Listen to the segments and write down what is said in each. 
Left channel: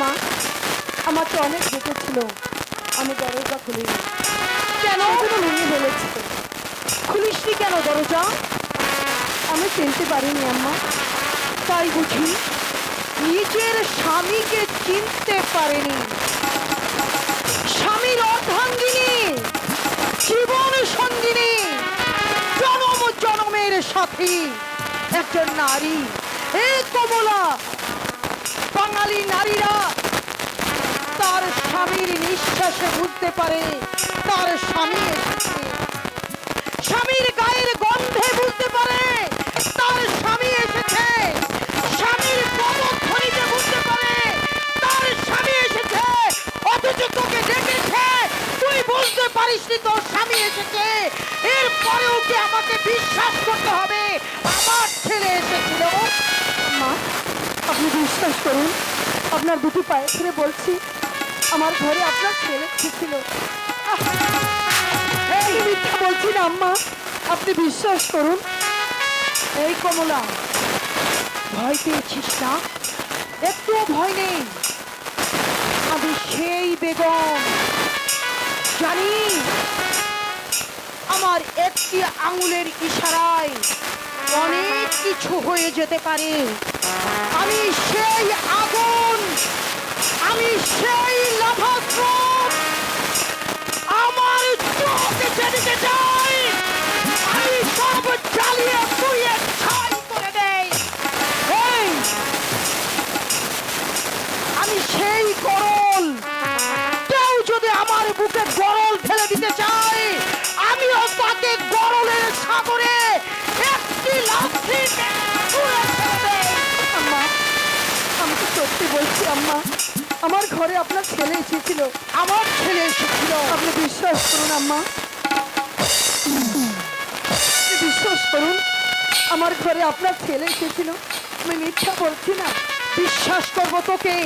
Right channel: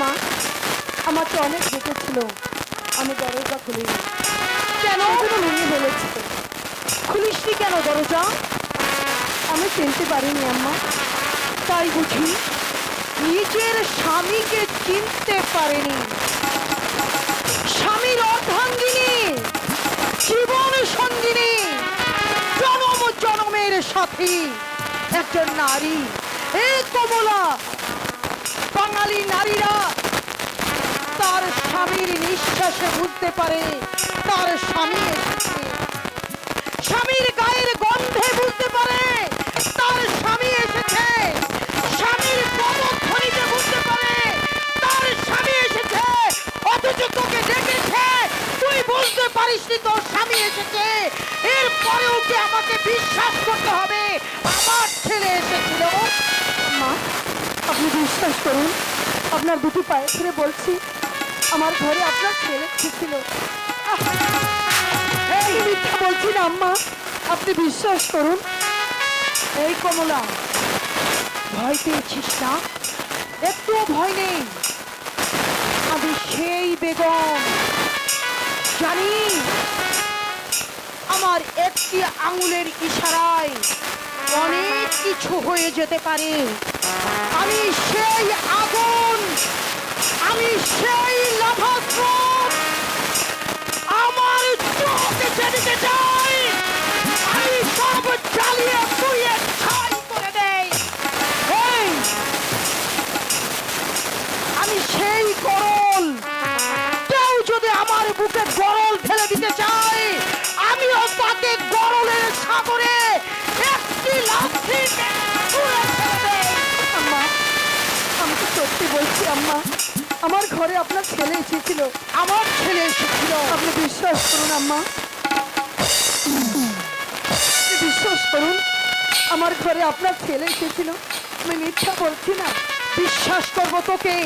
মা আমাকে অনেক ডেকেছিল, আমি দরজা খুলিনি। কেন ভেঙে বলেছিল? খুলিসনি কেন দরজা? আমি চিনতে পারিনি আম্মা। তাই বুঝি নিজের স্বামীকে চিনতে পারেনি। স্বামীর অর্ধাঙ্গিনী, জীবন সঙ্গিনী, জনম জনমের সাথী একজন নারী। এই কমলা, বাঙালি নারীরা তার স্বামীর নিঃশ্বাসে বুঝতে পারে তার স্বামী এসেছে। স্বামীর গায়ের গন্ধে বুঝতে পারে তার স্বামী এসেছে। স্বামীর পদধ্বনিতে বুঝতে পারে তার স্বামী এসেছে। অথচ তোকে ডেকেছে, তুই বুঝতে পারিসনি তোর স্বামী এসেছে। এরপরেও কি আমাকে বিশ্বাস করতে হবে আমার ছেলে এসেছিল? মা আপনি বিশ্বাস করুন, আপনার দুটি পায়ে ধরে বলছি, আমার ঘরে আপনার ছেলে এসেছিল। এই মিথ্যা বলছি না আম্মা, আপনি বিশ্বাস করুন। এই কমলা, ভয় পেয়েছিস না? একটুও ভয় নেই। আমি সেই বেগম, জানি আমার একটি আঙুলের ইশারায় অনেক কিছু হয়ে যেতে পারে। আমি সেই আগুন, আমি সেই লাভাস্রোত, আমার চোখে যেতে চাই, আমি সব জ্বালিয়ে পুড়িয়ে ছাই করে দেই। আমি সেই গরল, কেউ যদি আমার বুকে গরল ঢেলে দিতে চায়, আমিও তাকে গরলের সাগরে একটি লাথি ছুঁড়ে ফেলে দেই। আম্মা আমি তো সত্যি বলছি আম্মা, আমার ঘরে আপনার ছেলে এসেছিল। আমার ছেলে এসেছিল, আপনি বিশ্বাস করুন আম্মা, আপনি বিশ্বাস করুন, আমার ঘরে আপনার ছেলে এসেছিল। আমি মিথ্যা বলছি না। বিশ্বাস করবো তোকে,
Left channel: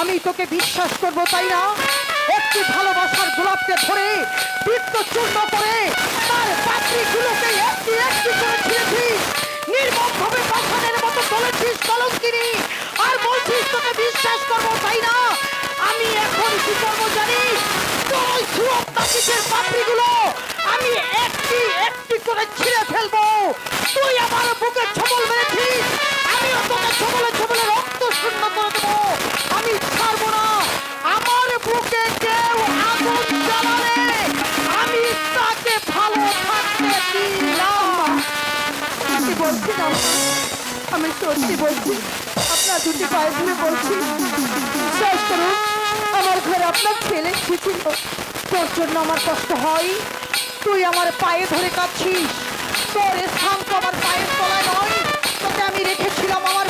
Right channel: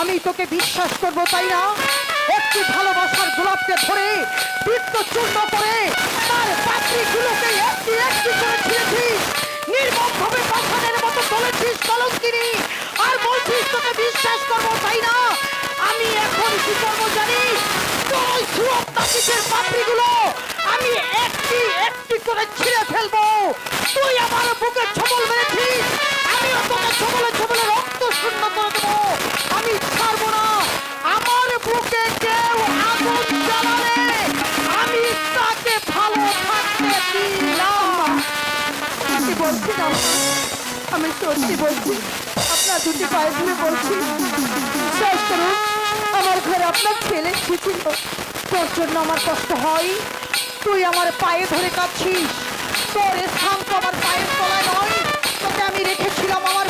আমি তোকে বিশ্বাস করবো, তাই না? একটি ভালোবাসার গোলাপকে ধরে বৃত্ত চূর্ণ করে তার পাত্রীগুলোকে একটি একটি করে ছিঁড়েছিস, নির্মমভাবে পাষাণের মতো বলেছিস কলঙ্কিনী, আর বলছিস তোকে বিশ্বাস করবো, তাই না? আমি এখন কি করবো জানিস? তোর সুরত নাচিসের পাত্রীগুলো আমি একটি একটি করে ছিঁড়ে ফেলবো। তুই আমার বুকে ছবল মেরেছিস, আমিও তোকে ছবলে ছবলে রক্ত শূন্য করে দেবো। আমি ছাড়বো না। আমার বুকে কেউ আগুন জ্বালালে আমি তাকে ভালো থাকতে দিলাম। আমি বলছি না, আমি সত্যি বলছি, আপনার দুটি পায়ে ধরে বলছি, বিশ্বাস করুন, আমার ঘরে আপনার ছেলে এসেছিল। তোর জন্য আমার কষ্ট হয়, তুই আমার পায়ে ধরে কাঁদছিস। তোর স্থান তো আমার পায়ের তলায় নয়, তোকে আমি রেখেছিলাম আমার।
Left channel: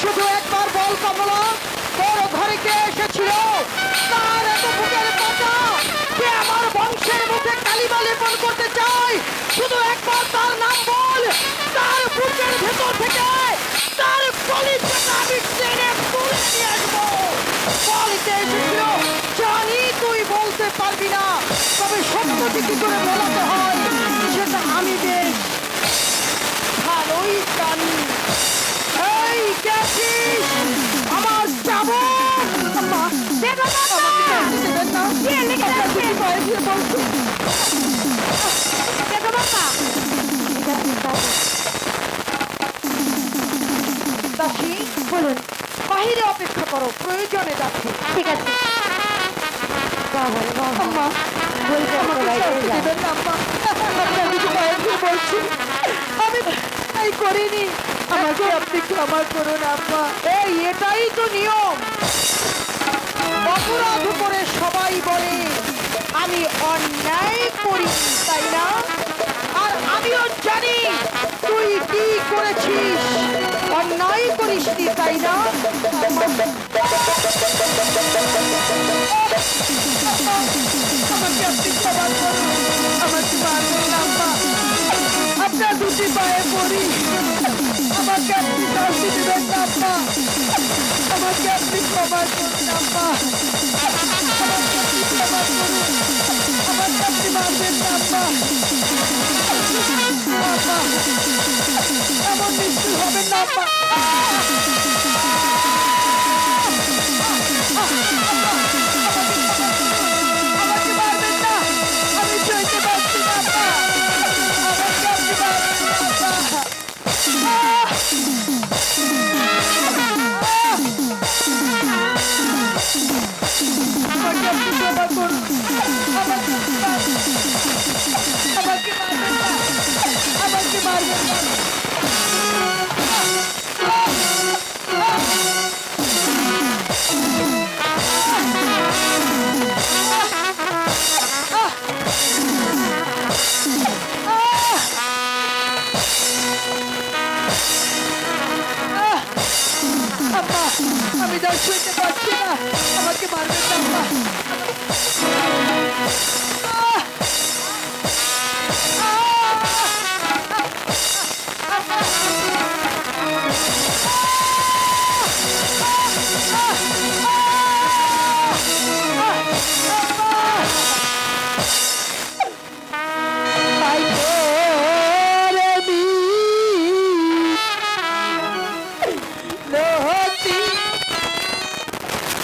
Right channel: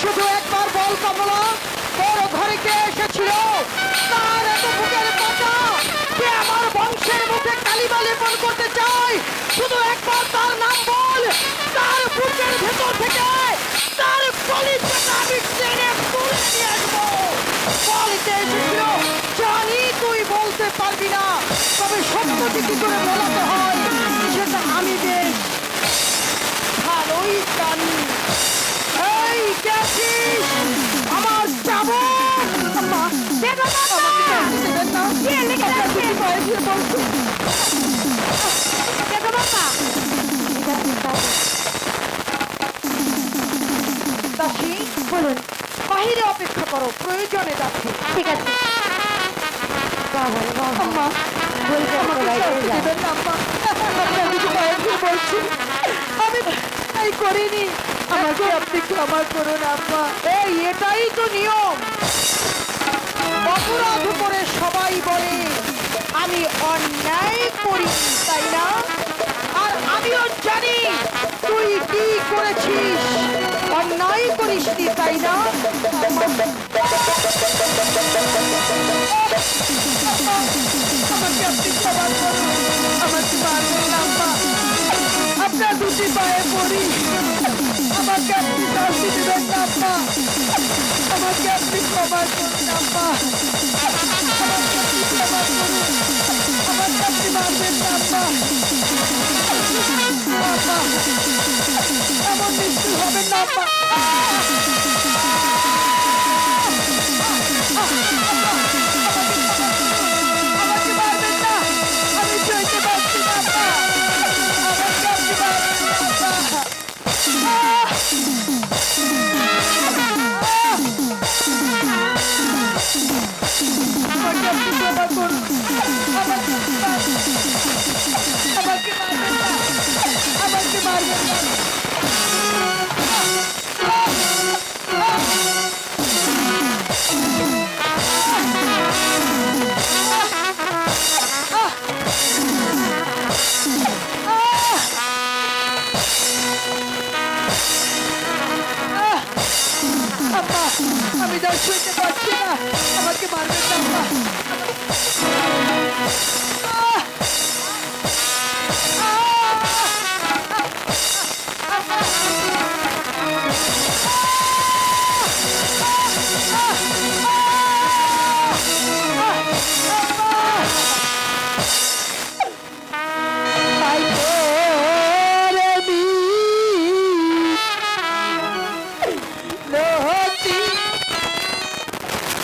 শুধু একবার বল কমলা, তোর ঘরে কে এসেছিল? তার এত বুকের পাতা, কে আমার বংশের মুখে কালিমা লেপন করতে চায়? শুধু একবার তার নাম বল। তার বুকের ভেতর থেকে তার কলিজাটা আমি টেনে তুলে নিয়ে আসবো। বল কে এসেছিল? জানি তুই বলতে পারবি না, তবে সত্যটি কি করে বলাতে হয় সেটা আমি বেশ ভালোই জানি। এই গেছিস আমার যাবো। দাসী বলুন, বাহিরে অপেক্ষা করো, প্রয়োজনে যাচ্ছি। ঠিক আছে। আমি তাই করিনি, আমাকে আপনি ক্ষমা করুন আম্মা। এই এটাই তো নিয়ম, অপরাধ করে সবাই বলে আমি অন্যায় করি, তাই না? আর আমিও জানি তুই কি করেছিস, অন্যায় করিসনি, তাই না? আমাকে আপনি ক্ষমা করুন, আমাকে মারবেন না আম্মা, আপনার দুটি পায়ে পড়ি, আমাকে আপনি শাস্তি দিবেন না আম্মা, আমাকে আপনি ক্ষমা করুন আম্মা, আমাকে আপনি ক্ষমা করুন, আমাকে আপনি মারবেন না আম্মা। এমন মৃত্যু হবে না আম্মা। আমাকে আপনি ক্ষমা করুন। আমাকে মারবেন না, আমাকে মারবেন না। আম্মা, আমি তার শুনতে পাচ্ছি না, আমাকে মারবেন না আম্মা। আহ! আই তোরে মিনতি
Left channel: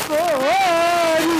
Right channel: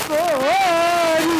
করি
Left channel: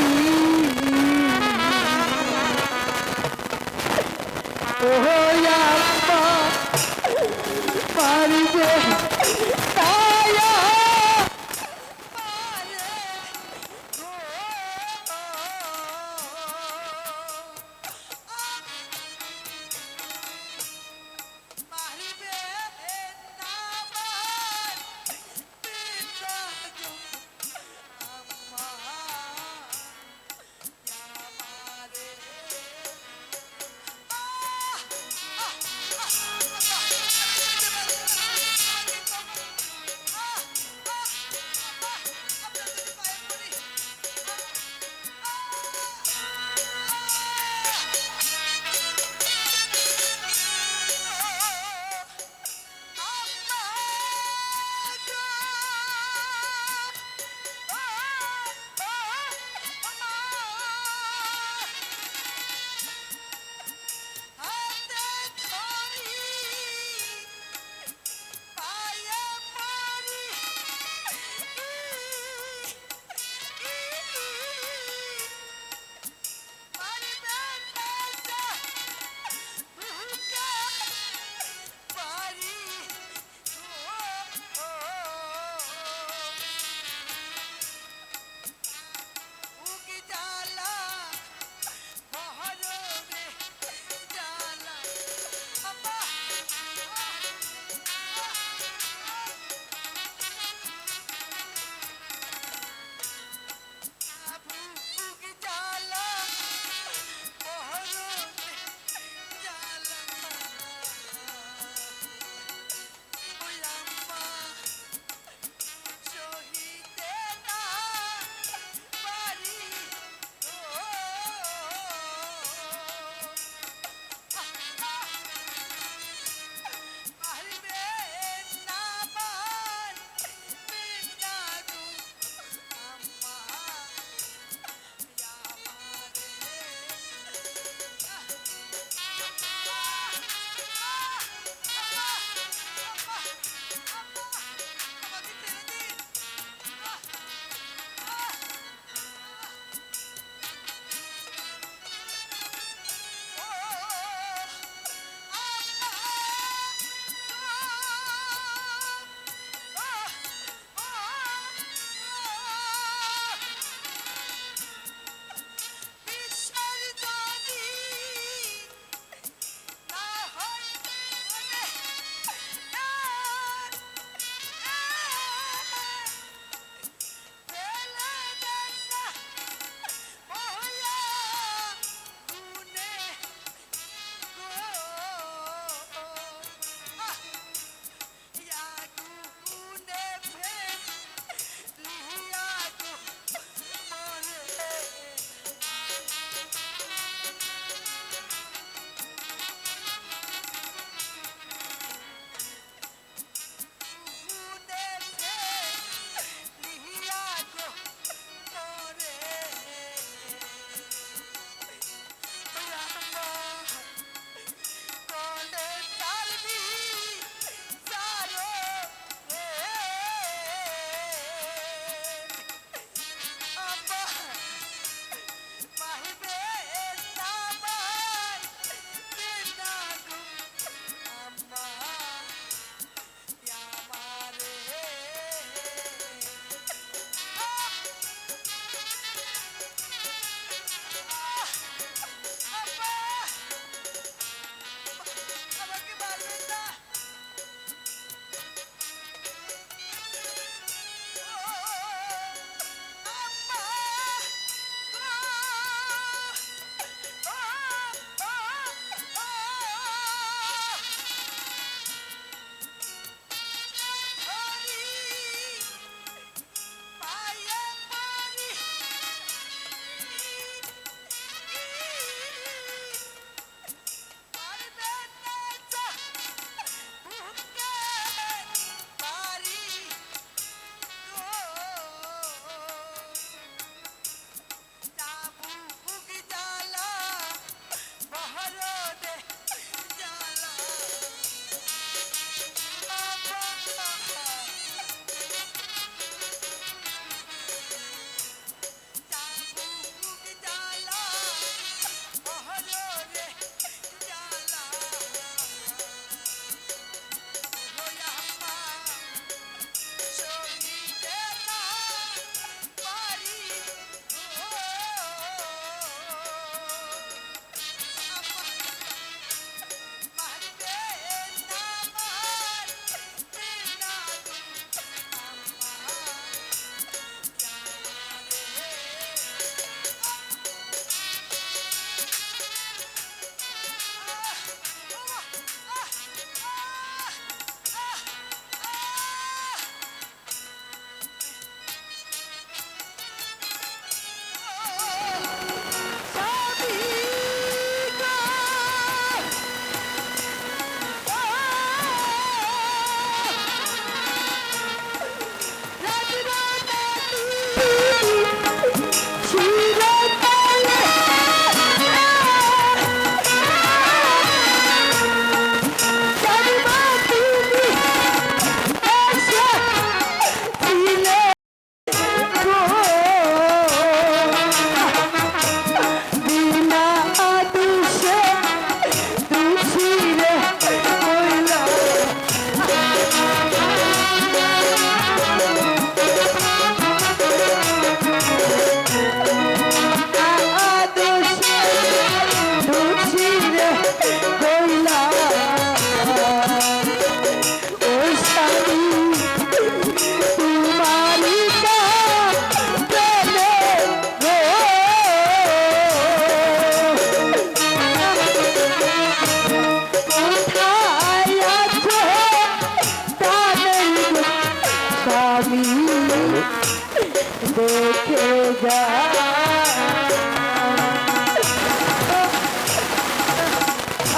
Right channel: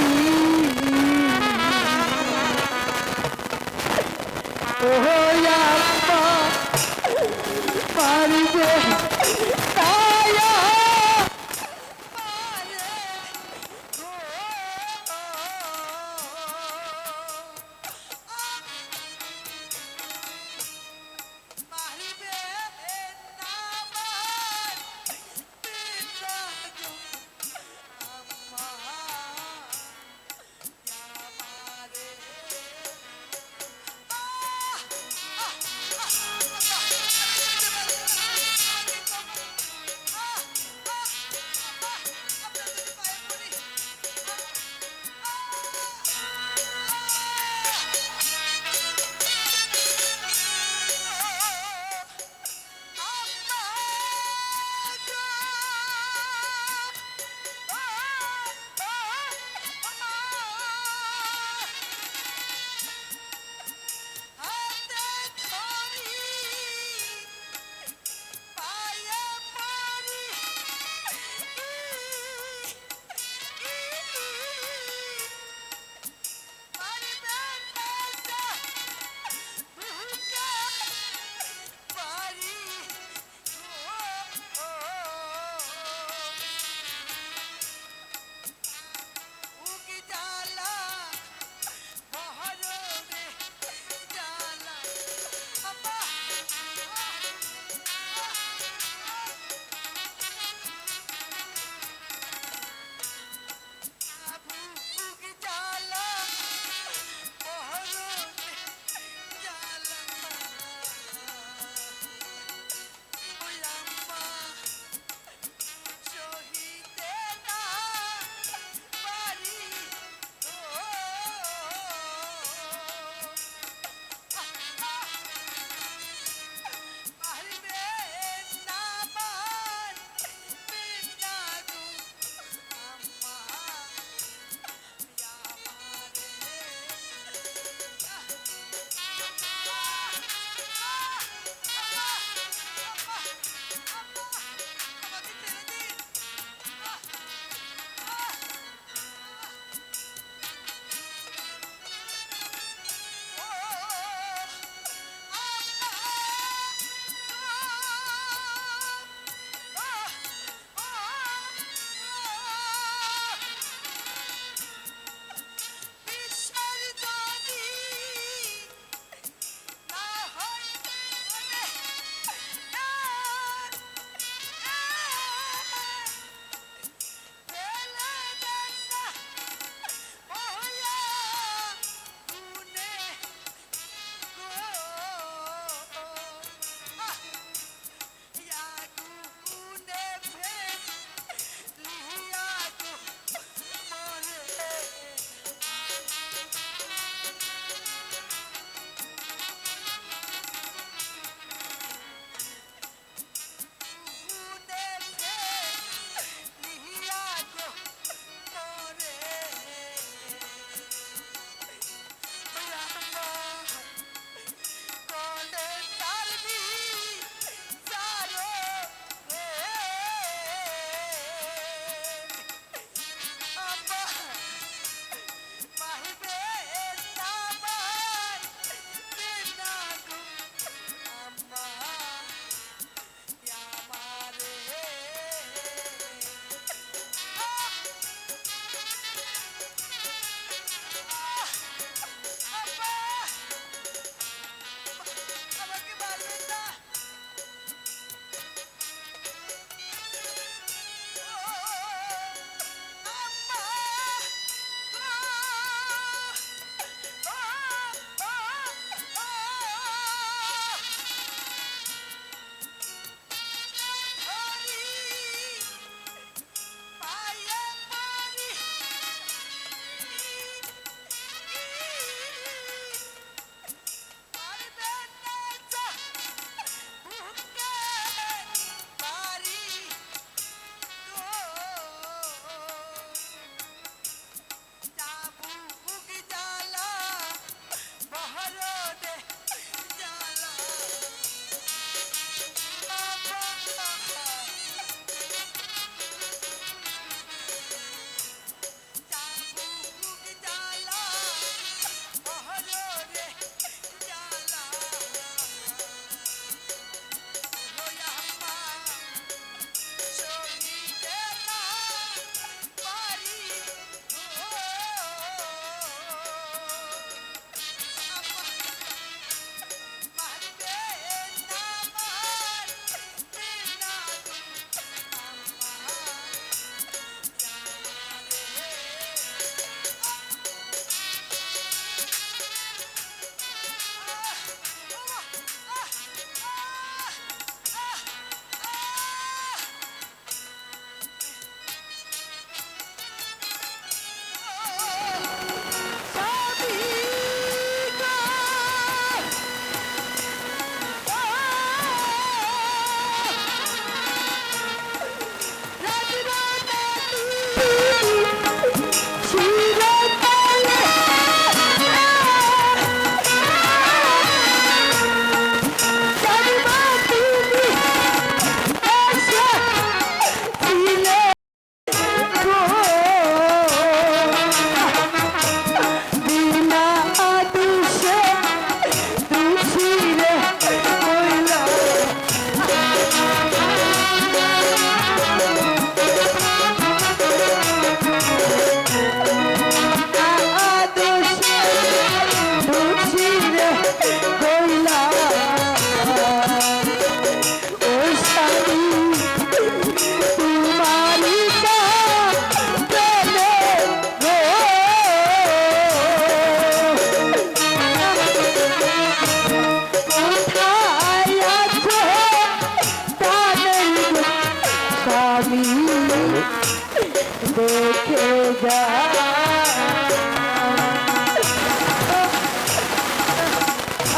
দেখে যা।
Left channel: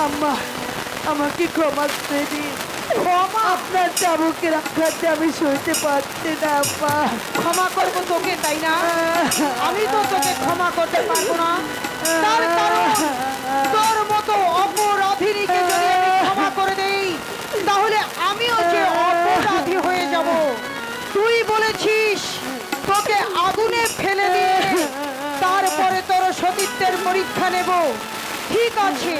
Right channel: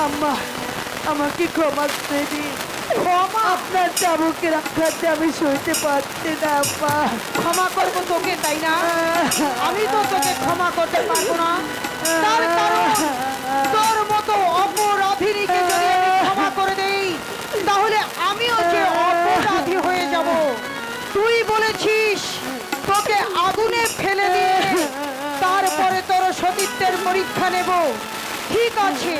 আম্মা, আমাকে ক্ষমা করে দিন। ক্ষমা? আপনার চাবুকের আঘাতে আমি সইতে পারছি না আম্মা। ক্ষমা করবো তোকে, তাই না? আমি তো তোকে ক্ষমা করতে পারবো না। তার কারণ তোর মতো অপরাধীকে যদি আমি ক্ষমা করে দেই, তাহলে আমিও যে অপরাধী হয়ে যাব। তুই বলেছিস তোকে আগুনে ফেলে দিয়ে তারপরে তোর সতীত্বের পরীক্ষা নেব। ঠিক আছে,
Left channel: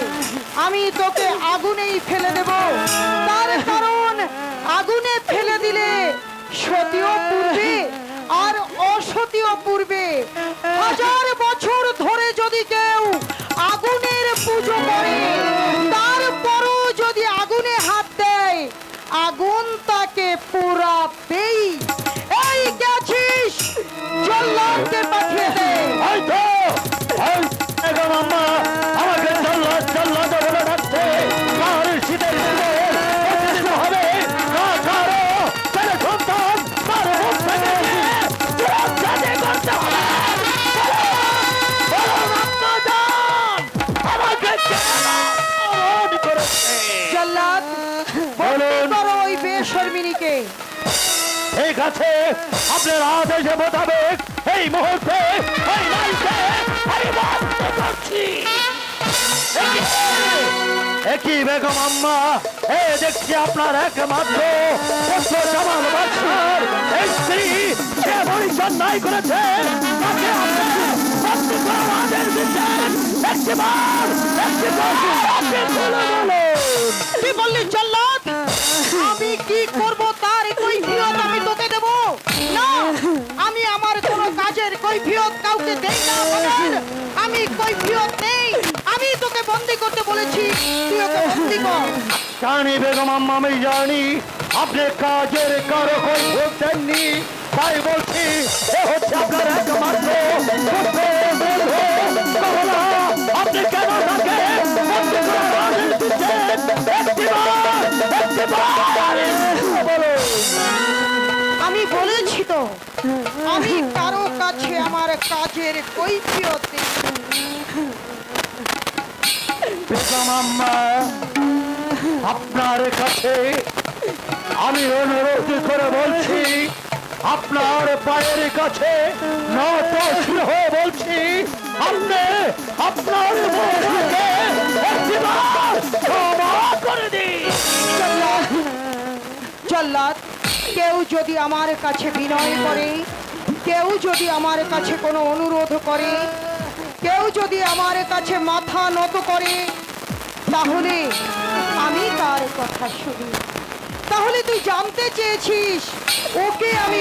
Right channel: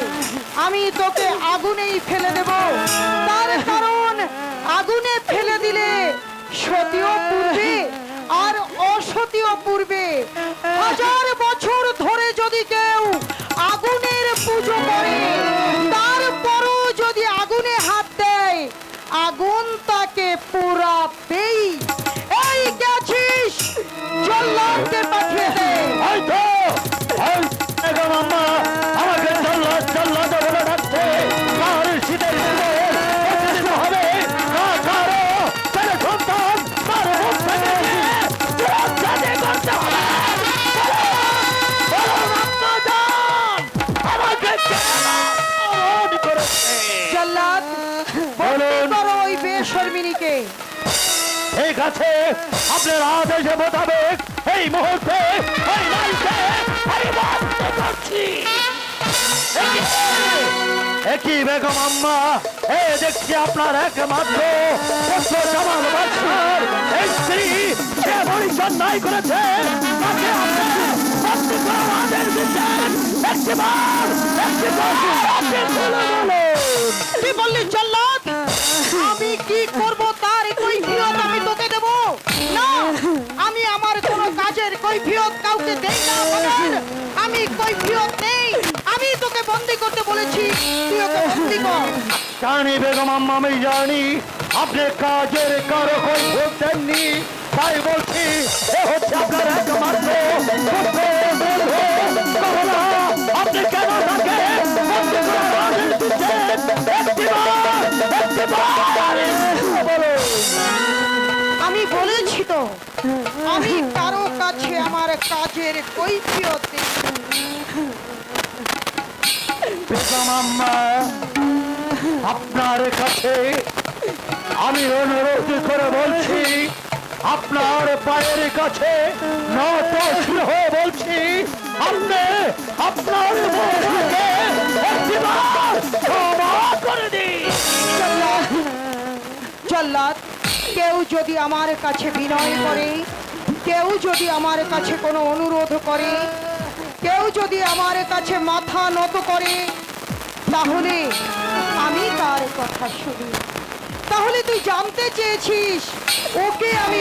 আমি তোকে আগুনেই ফেলে দেব। তার কারণ আগুনে ফেলে দিলে সতীও পুড়বে আর অসতীও পুড়বে। 1000 বছর ধরে যদি কেউ আগুনের পুজো করে, তারপরও যদি আগুনে হাত দেয়, আগুন তাকে পোড়াবেই। এই গেছিস, জল্লাদকে পাঠিয়ে দে। হয়তো বেগম আম্মা আমাকে জল্লাদ জল্লাদ বলে ডাকছে। আর শীতের দিনে প্রতিদিন হবে না কারো ছেলে সন্তান তার মুখ থেকে সুরক্ষা করতে হবে। বলুন আম্মা জান, আমাকে কেন অপমান করেছে? জল্লাদ, বলতে পারো ওই বেশর্মিনীকে। ঠিক আছে, আপনার আদেশ মোতাবেক এই মুহূর্তে এই নাইকে এই বন্ধ করছি। একই বেগম আম্মা, এ দেখছি আপনার একমাত্র পুত্র জামাল বাদশার এই স্ত্রী যে বলিদান নাই করেছে, তাকে আপনি বন্দি করার আদেশ দিচ্ছেন। কি বললি জল্লাদ? আমি কি করব তার কৈফিয়ত আমি তোকে দেব না। আমি আমার কোন কাজের কৈফিয়ত কাউকে দেই না। বলেন, আমি কৈফিয়ত নেই। আমি তোকে বন্দি করতে বলেছি, তুই ওকে বন্দি কর। জানি বেগম আম্মা, আমি জানি আপনি কাজের কারো কৈফিয়ত দেননি, তাই বলছি এ হচ্ছে আপনার একমাত্র পুত্র বলবো। কমলা, আপনি কেন তাকে বন্দি করার আদেশ দিচ্ছেন? বলো। আমি বলেছি তো, আমি কারো কাছে আমার কাজের কৈফিয়ত নেই। বেগম আম্মা, আপনার কাছে আমি অনুরোধ করে বলছি, আপনার পায়ের কাছে নত শির হয়ে বলছি, আপনি আপনার বউকে একটিবার ক্ষমা করে দিন। জল্লাদ, কেউ যদি আমার কাছে বিনয় করে, কেউ যদি আমার কাছে কোনো অনুরোধ করে, কেউ যদি আমার কাছে মাথা নত করে, তাহলে আমি তার কথা শুনি। তাহলে তুই জানতে চেয়েছিস ওকে আমি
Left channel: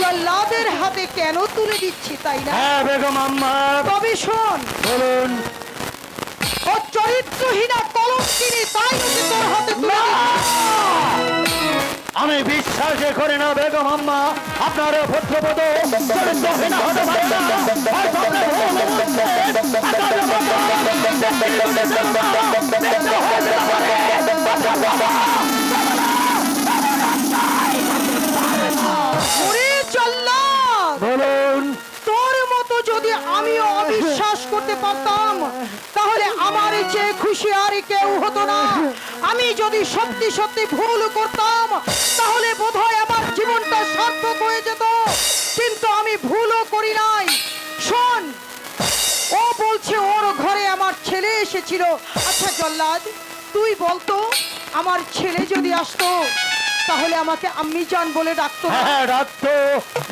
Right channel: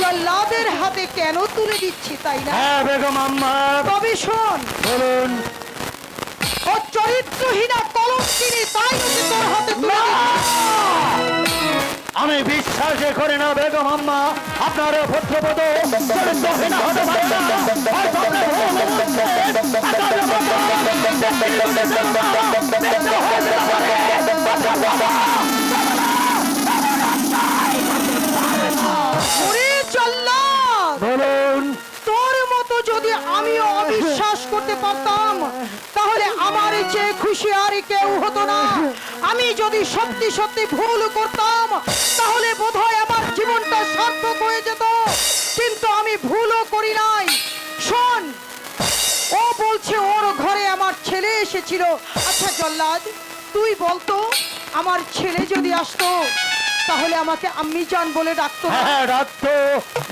জল্লাদের হাতে কেন তুলে দিচ্ছি, তাই না? হ্যাঁ বেগম আম্মা, তবে শোন, বলুন। ও চরিত্রহীনা কলঙ্কিনী, তাই ওকে তোর হাতে তুলে দিচ্ছি। আমি বিশ্বাস করি না বেগম আম্মা, আপনার পুত্রবধ চরিত্রহীন হতে পারে না। হয়তো আপনি ভুল বুঝছেন। আগামী ওরে জল্লাদ, বলুন। তোর মতো যদি আমি অবিশ্বাস করতে পারতাম, তাহলে আমার চেয়ে খুশি আর কেউ হতো না। আমি যদি সত্যি সত্যি ভুল করতাম, তাহলে বোধহয় আমার জীবনটা সার্থক হয়ে যেত। কিন্তু আমি ভুলও করি নাই। শোন, ও বলছে ওর ঘরে আমার ছেলে এসেছিল। আচ্ছা জল্লাদ, তুই বলতো, আমার ছেলে যদি আসতো, তাহলে আমাকে আম্মি জান বলে ডাকতো না? হ্যাঁ ডাকতো।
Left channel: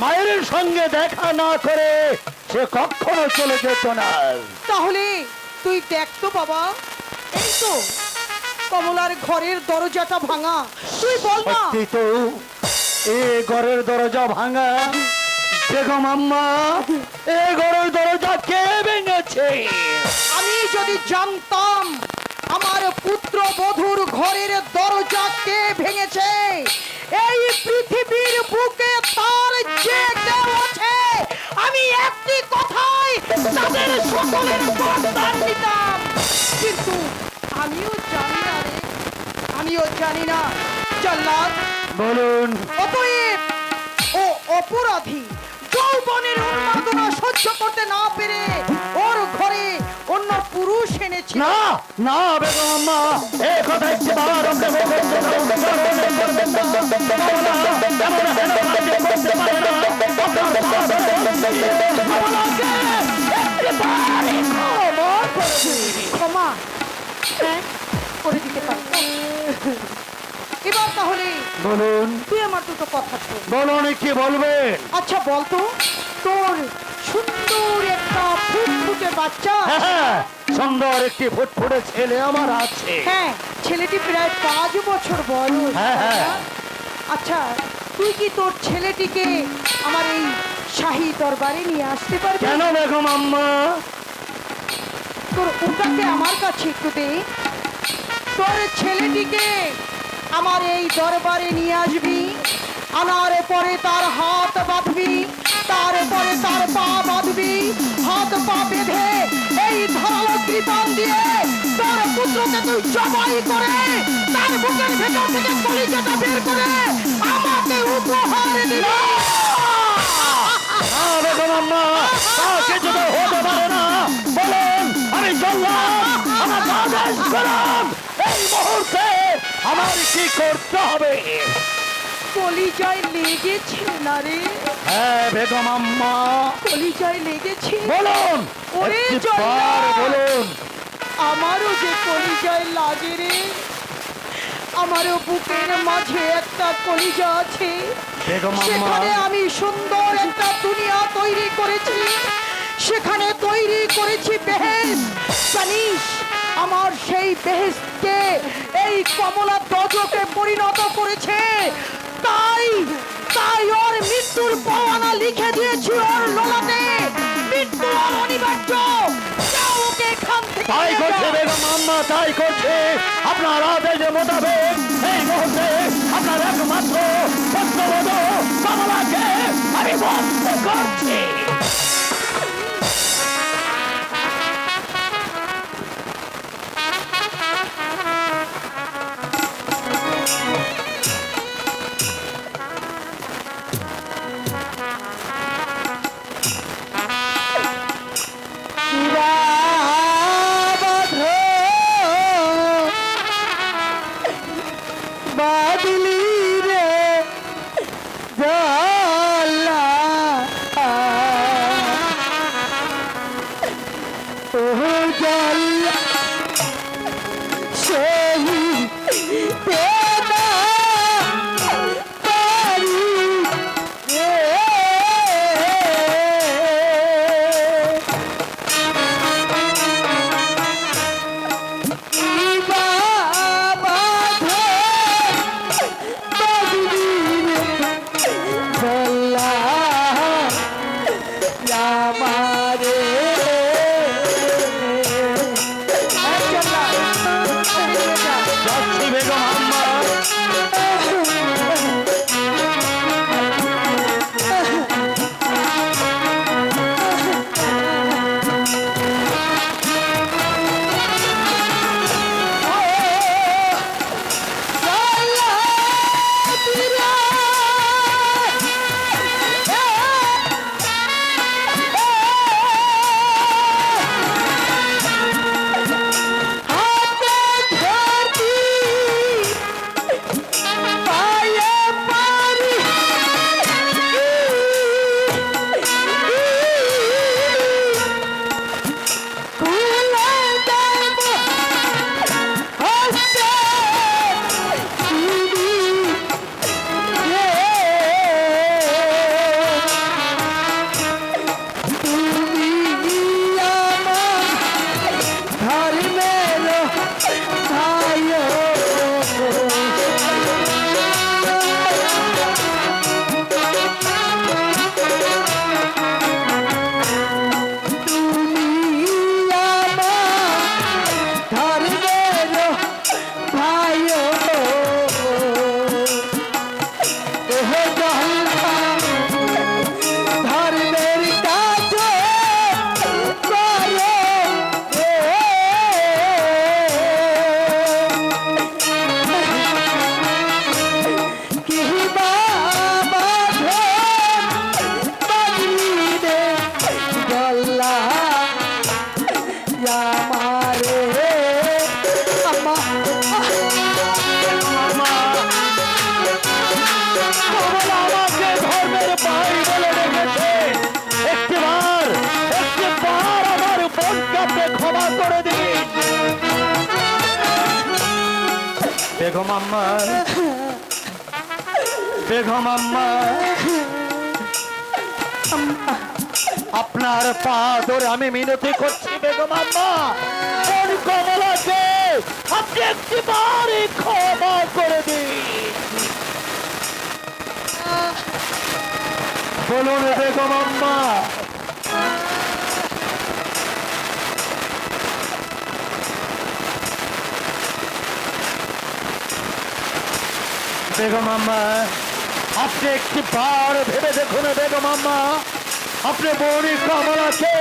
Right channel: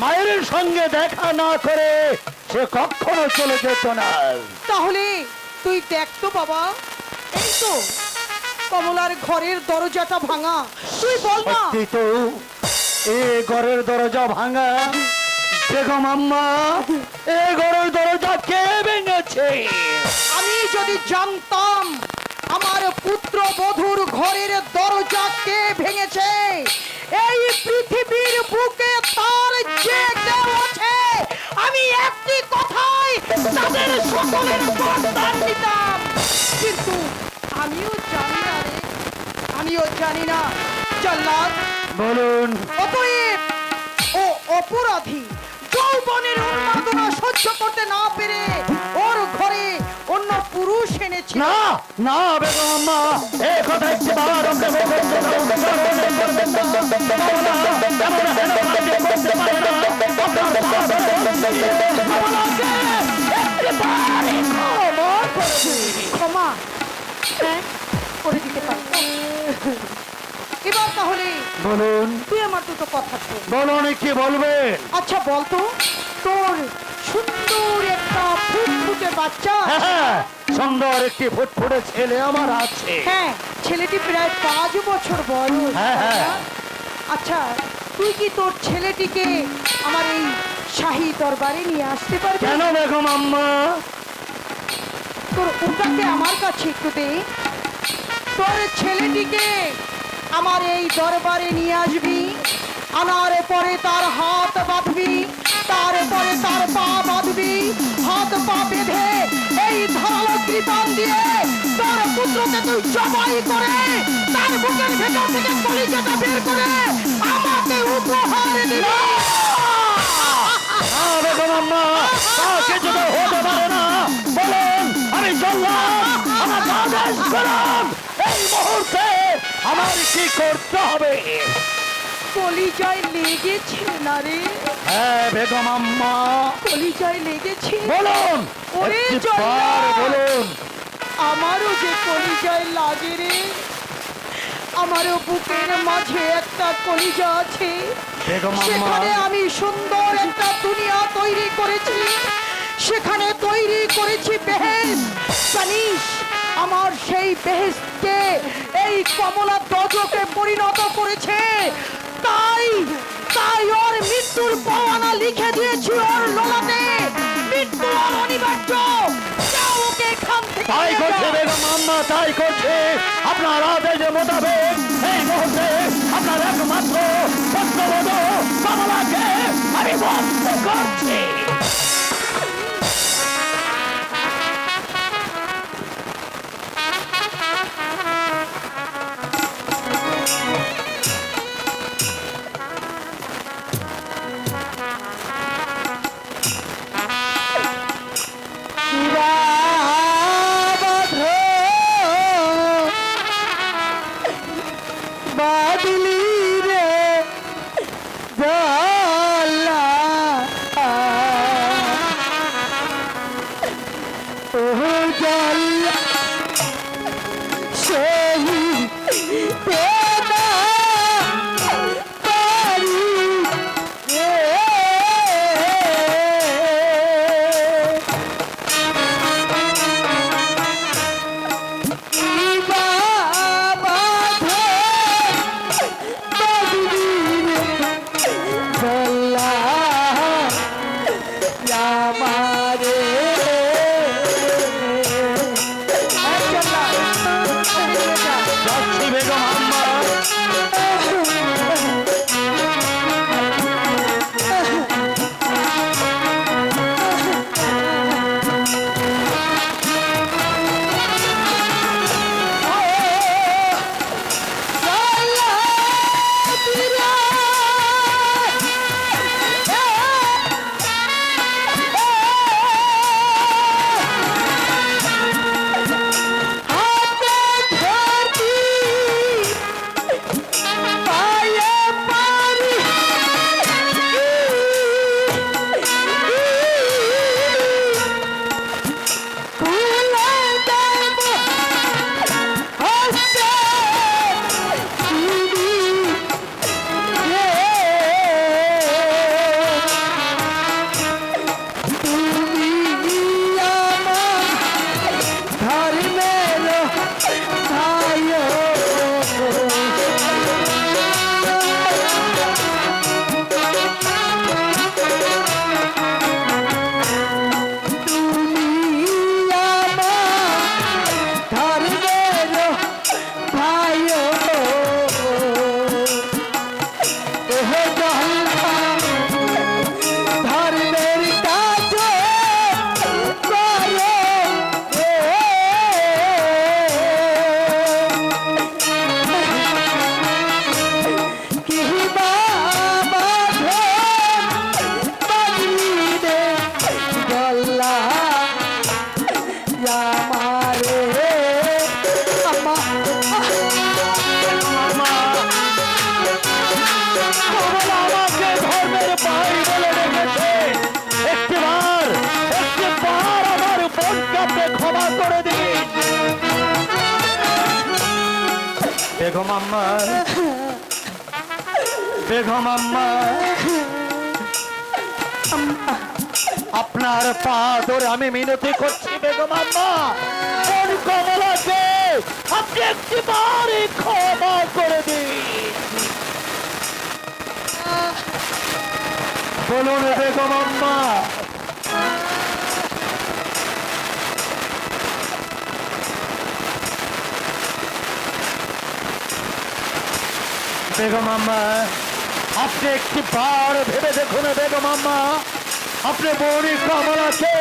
মায়ের সঙ্গে দেখা না করে সে কখনো চলে যেত না। তাহলে তুই দেখতো বাবা, এই তো কমলার ঘরের দরজাটা ভাঙা। তুই বল না। সত্যি তো, এ ঘরের দরজা ভাঙা। বেগম আম্মা, এ ঘরের দরজা কে ভেঙেছে? আমি যদি জানতাম আমার পুত্র বধূর ঘরের দরজা কে ভেঙেছে, এই পৃথিবীর বুকে তার যে কেউ আছে, আমি একটি কথাই তাদের সকলের বরদান দিতাম। কিন্তু আমিও জানি না রে, আমিও জানি না। জল্লাদ, বলুন। অতএব ও অপরাধী। যৌবনের উন্মাদনা সহ্য করতে না পেরে ওর ঘরে অন্য পুরুষ এনেছিল। না না বেগম আম্মা, এই কথা একটি বার ওকে বলতে দাও। কারণ এই কমলা এমন হেন কাজে করতে পারে না। আপনার সাথে কমলাকে একটিবারই ক্ষমা করে দিন। ক্ষমা হ্যাঁ করে দিতে পারি। এবার তাহলে বলুন তুই আমার দুটো কথা শোন। বলুন কি বলবেন? আচ্ছা বলতো, তোর সুন্দর একটা ফুটফুটে বাচ্চা, হ্যাঁ, সুন্দর একটি ফুটফুটে ছেলে আমার আছে। হ্যাঁ ছেলেটি প্রায় 5 বছর বয়স। হ্যাঁ, হ্যাঁ। আচ্ছা তুই কি তোর ছেলেটিকে আমার এই শাহী দরবারে নিয়ে আসতে পারবি? কেন বেগম আম্মা? তোর ওটাকে আমার কাছে একটু দে। তোর ছেলেটিকে আমার এই দরবারে নিয়ে আসবি, আনার পরে তার হাত বাঁধবি, তারপরে তার পা বাঁধবি, হাত পা বেঁধে এই ধারালো কৃপান দিয়ে তার পুত্রকে তুই জবাই করে তার বুকের ভেতর থেকে কলিজাটা বের করে আমাকে উপহার দিবি। না বেগম আম্মা, তা কিছু তো হতে পারে না। বলুন আমি চললাম, আমার আদেশ করুন। এই মুহূর্তে আমার কি করতে হবে? কলিজায় লেগেছে না রে? হ্যাঁ বেগম আম্মা, কলিজায় লেগেছে? বলুন ওরে একটিবার জল্লাদ! বলুন। আমারও যে কলিজায় লাগে রে, আমারও বুকের মাঝে একটা কলিজা আছে। বেগম আম্মা, সেখানে আমি সুন্দর একটা দুনিয়া তৈরি করেছি, সেখানে তৈরি করেছি বেহেশত। জানিস আমার সেই বেহেশতকে এই কমলা দজকে পরিণত করেছে। তাই তাই ওর মৃত্যুর পরোয়ানা লিখে দিয়েছি ওর লোলাতে। মৃত্যু আর অনিবার্য, যাও ওকে এখান থেকে তাই নিয়ে করছে যাও। বেগম আম্মা, তাই করছে। আপনার আদেশ মোতাবেক এই মুহূর্তে আপনার একমাত্র পুত্রবধূ কমলাকে আমি বন্ধ করছি। বাদলি রে জালা ও জালা সেই পেদা পারি রে যাচ্ছি বেগম আম্মা। বেগম আম্মা, বেগম আম্মা, আপনার পা ধরে আমি মিনতি করছি বেগম আম্মা, কোন কমলাকে আপনি একটিবার ক্ষমা করে দিন। বলুন বেগম আম্মা। বেগম আম্মা, আপনি একটিবার ভেবে দেখুন বেগম আম্মা, আপনি বৌরি কমলাকে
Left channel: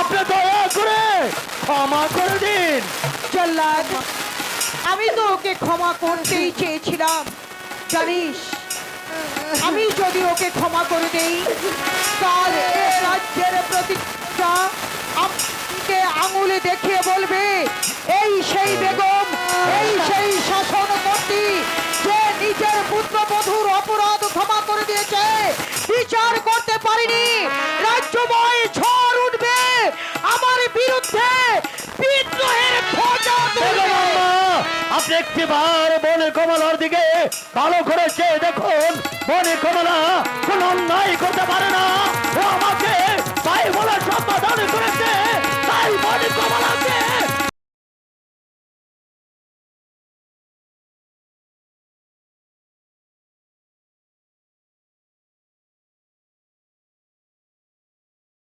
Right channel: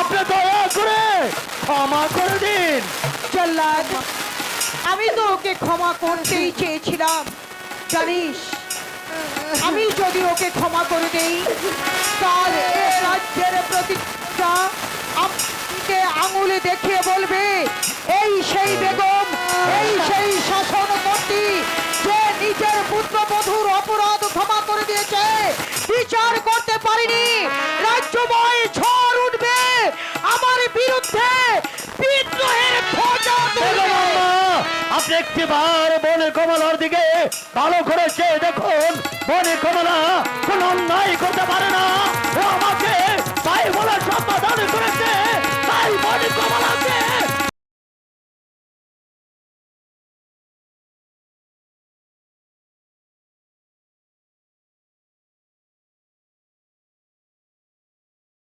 আপনি দয়া করে ক্ষমা করে দিন। জল্লাদ, আমি তো ওকে ক্ষমা করতেই চেয়েছিলাম। জানিস, আমি যদি ওকে ক্ষমা করে দেই, কাল এ রাজ্যের প্রতিষ্ঠা আমাকে আঙুলে দেখিয়ে বলবে এই সেই বেগম, এই সেই শাসনকর্ত্রী যে নিজের পুত্রবধূর অপরাধ ক্ষমা করে দিয়েছে, বিচার করতে পারিনি। রাজ্যময় ঝড় উঠবে আমার বিরুদ্ধে, বিদ্রোহের খোঁজা তুলবে। বেগম আম্মা, আপনি একটিবার বনে কমলার দিকে ভালো করে চেয়ে দেখুন। বনে কমলা কোন অন্যায় করতে পারে না, ও আমাকে